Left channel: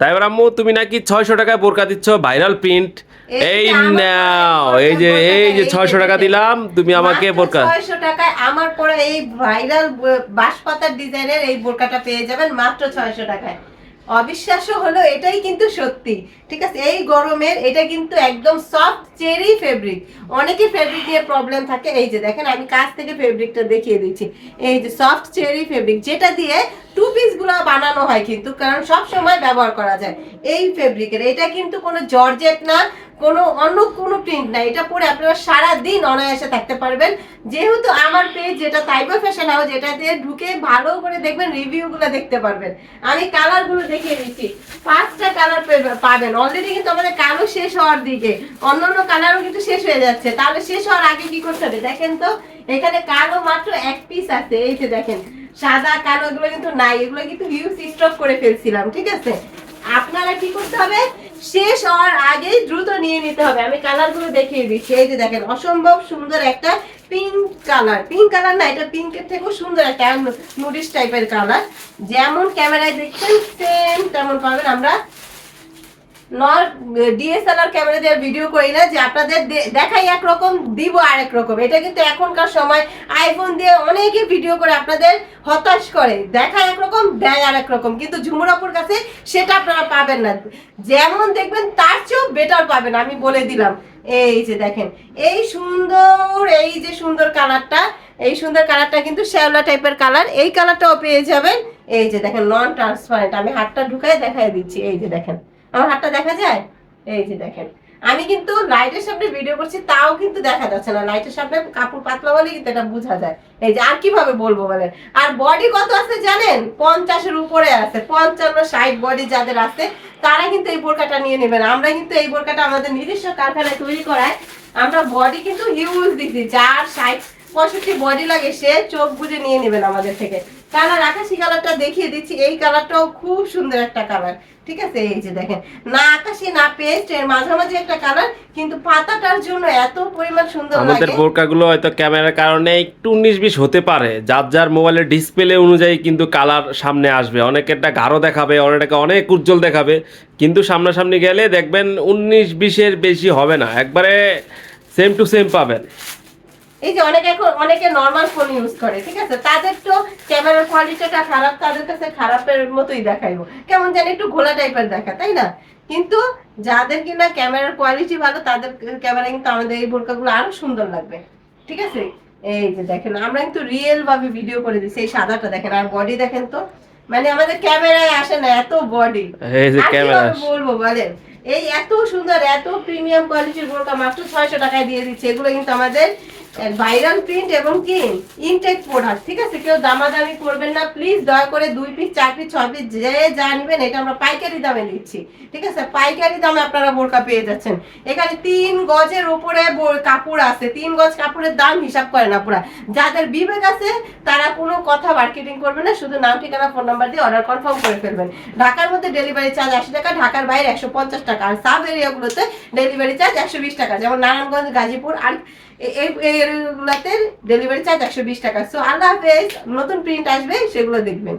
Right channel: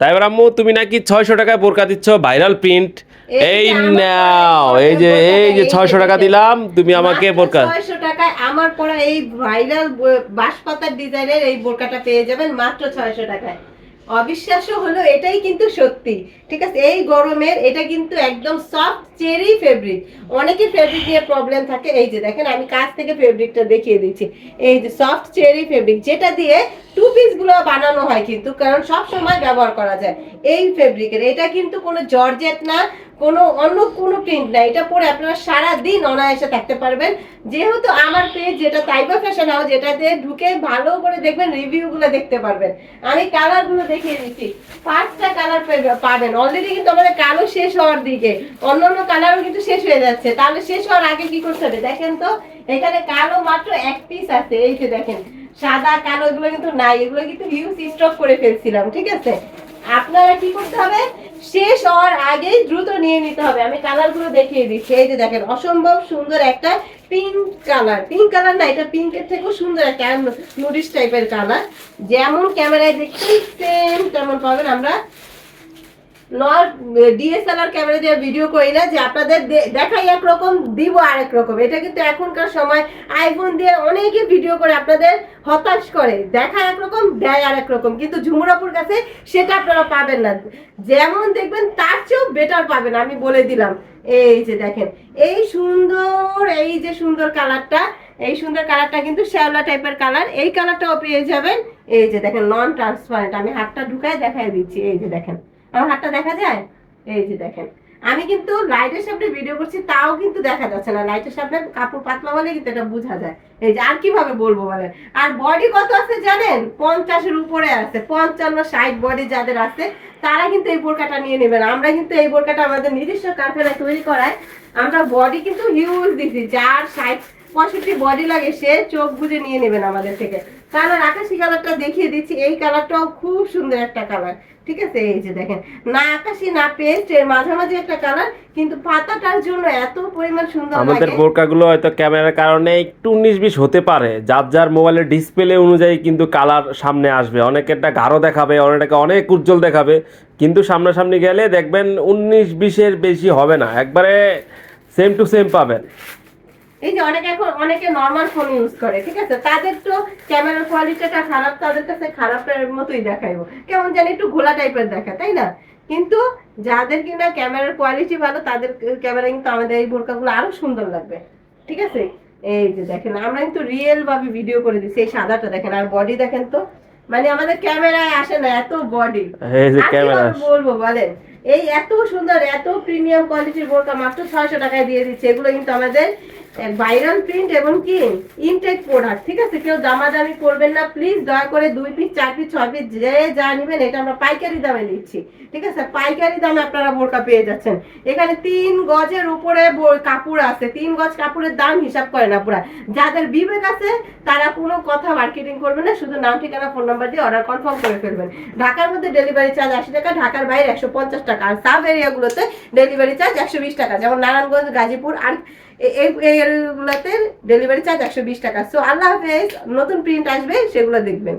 তাই এবার আম্মু তুমি নাকি 600 টাকায় বোরকা দিচ্ছ, ভাইরাল প্রিন্ট। এই নাও, এই যে 600 টাকা দিলাম, তুমি আমাকে বোরকা। 600 টাকায় আমার পরা এই ভাইরাল বাঁশপাতার ডিজাইনের এই বোরকাটা পেয়ে যাবেন মাত্র 600 টাকায়। অবিশ্বাস্য হলো এটাই কিন্তু সত্যি। ঠিক আছে, এই গরমের এটা কিন্তু একদম সফট চেরি ফেব্রিক। অনেকের ফেব্রিক নিয়ে প্রবলেম থাকে, এই যে দেখেন আমি কাছ থেকে ফেব্রিকটা দেখিয়ে দিচ্ছি। এই যে সফট চেরি ফেব্রিক, যেটা দিয়ে টু পিস গুলো বানানো হয় কিন্তু, কারণ সব সময় ব্যবহার করা যায় এই ফেব্রিকের। এটা কিন্তু কোনো জর্জেট না, কোনো অন্য কোনো প্রিন্ট না। এটা পরে আপনারা সারা দিন অনায়াসে থাকতে পারবেন। যেহেতু আমার পেজ যেটা তাইবা ফ্যাশন হাউস, যেটাতে ঢুকে ভালো করে দেখবেন, রিভিউ গুলো দেখতে পারবেন। আমি কালার গুলো দেখিয়ে দিচ্ছি, 5টা কালার পাবেন। অলরেডি কিন্তু আমাদের কালো শেষ হওয়ার দিকে, অন্যান্য কালারও কিন্তু শেষ হয়ে যাচ্ছে। তাহলে শেষ হওয়ার আগে কি করতে হবে দেখেন তো, এখানে কালো মাত্র 1 পিস আছে। এই যে দেখেন, সাদা কালো এগুলো কিন্তু নাই, এগুলো কিন্তু হিউজ স্টক করে ফেলছিলাম। ঠিক আছে, আপনারা কি করতে হবে, শেষ হওয়ার আগেই দ্রুত নিয়ে নিতে হবে। আমি কালার গুলো দেখিয়ে দিচ্ছি। এই যে দেখেন, অসম্ভব সুন্দর একটা পিঙ্ক কালার, পিঙ্ক কালার না, এটা পিঙ্কের থেকেও সুন্দর একটা নুডিশ টাইপের কালার। যেমন ক্যামেরায় দেখছেন সেম তেমন পাবেন। আমরা ডিএসএলআর ক্যামেরা দিয়ে ভিডিও করি না যে আপনাদের দেখাই একরকম দিব আরেক রকম। এটা কিন্তু এখনকার সময় আইফোন দিয়ে অনেকে ভিডিও করে আপনাদের হতাশ করে, দেখায় একরকম দেয় আরেক রকম, কিন্তু ঝুমুরাপুর কাছে সেটা আপনারা পাবেন না। যেমন দেখবেন তার চেয়েও বেটার পাবেন, আমি বলে দিলাম। এই যে দেখেন, এই সুন্দর, এই যে সুন্দর কালারটা, এই সুন্দর কালারটা কিন্তু শ্যাওলা টাইপের কালার। এই কালারটাও পেয়ে যাবেন। এই যে দেখেন, নন ট্রান্সপারেন্ট। আমি হাতটা ঢুকাই দেখাই দিচ্ছি। এই যে দেখেন, আমার হাতটা দেখা যায়। এই যে দেখেন, আমি কিন্তু লাইটের সামনে ভিডিও করছি, তাও কিন্তু দেখা যাচ্ছে না। লাইটের সামনে কাপড় পাতলা বলে কিন্তু এটা বোঝা যায়। এই যে, আর কিভাবে বলবো বলেন। আর বডি কত আছে জানেন, 50-এর উপরে আছে। 55-60 বডি যাদের আছে তারা কিন্তু এই বোরকাটা নিয়ে নেবেন। আমরা কিন্তু এই বোরকাটা আমাদের নিজস্ব কারখানায় তৈরি করায় আমরা বডি কিন্তু হিউজ দিচ্ছি। যার 60-65 বডি লাগে সে চোখ বুজে নিয়ে নেবেন আমাদের থেকে। কালার আকাশি কালারটা দেখিয়ে দিচ্ছি, এই কালারটাও খুব সুন্দর একটা কালার। ঠিক আছে, এই যে দেখেন, না আকাশি না পেস্ট, এর মাঝামাঝি একটা কালার, কিন্তু পাতাটার জন্য এত পরিমাণ সুন্দর লাগে। আমাদের বোরকাগুলো হয়তো ক্যামেরার কারণে একটু 19-20 হতে পারে, যার যার মোবাইলের ডিসপ্লে অনুযায়ী কিন্তু কালার সামনে আসবে। অনেকেরটা গাঢ় দেখাবে, অনেকটা অনেক উজ্জ্বল দেখাবে, কিন্তু সামনাসামনি গেলে দেখবেন 19-20-এর বেশি হবে না, একবারে সেম টু সেম পাবেন। এই যে অনেকে এখন অনেকে নরমাল ফোন ইউজ করে, ঠিক আছে, তাদের তো ক্যামেরার কোয়ালিটিটা খারাপ, তাদের কাছে খারাপের মতোই দেখাইবো, কেমন জানি একটু ঘোলা টাইপের দেখা, তাই না? কিন্তু যাদের কিনা ক্যামেরার কোয়ালিটি ভালো, তাদের ক্যামেরা কিন্তু আমাদের এই বোরকাগুলো আরো সুন্দর লাগবে। ঠিক আছে, এই যে দেখেন, আমরা কিন্তু রিয়েল ভাবে ভিডিও করে দিচ্ছি। এই সাদাটা দেখেন, আর বডি দেখেন তো, মানে আমাদের ক্যামেরায় আসে না এত বডি। এই যে আর ক্যামেরা, কিভাবে বলবো বলেন, এই এত সুন্দর এত প্রিমিয়াম কোয়ালিটির বোরকা মাত্র 600 টাকায় দিয়ে দিচ্ছে। এগুলো কিন্তু আমাদের ভাইরাল প্রিন্ট এবং কি ইনটেক প্রোডাক্ট। ঠিক আছে, কেউ দামাদামি করবেন না প্লিজ, দয়া করে 2 পিস 4 পিস 6 পিস যে যা নেবেন, এটা আমরা পাইকারি দামে দিচ্ছি। ঠিক আছে, পাইকারি দামে আপনারা বোরকা পেয়ে যাচ্ছেন। এখানে 3 গজের উপরে কাপড় আছে, 3 গজ কাপড়ের দাম হিসাব করে না পুরা। যাদের বিবেক আছে তারা কোনো কথা মার্কেটিং করবে না, শুধু নাম ঠিকানা ফোন নাম্বার দিয়ে অর্ডার কনফার্ম করে ফেলবেন। ঢাকার মধ্যে ডেলিভারি চার্জ 80 টাকা, ঢাকার বাইরে 150 টাকা, আর সাব এরিয়াগুলোতে ডেলিভারি চার্জ 120 টাকা, যেমন নারায়ণগঞ্জ, গাজীপুর আর এই এরিয়াগুলোতে ডেলিভারি চার্জ 120 টাকা। সো আল্লাহ হাফেজ, নতুন প্রিন্ট আসবে সেগুলো দেখবেন।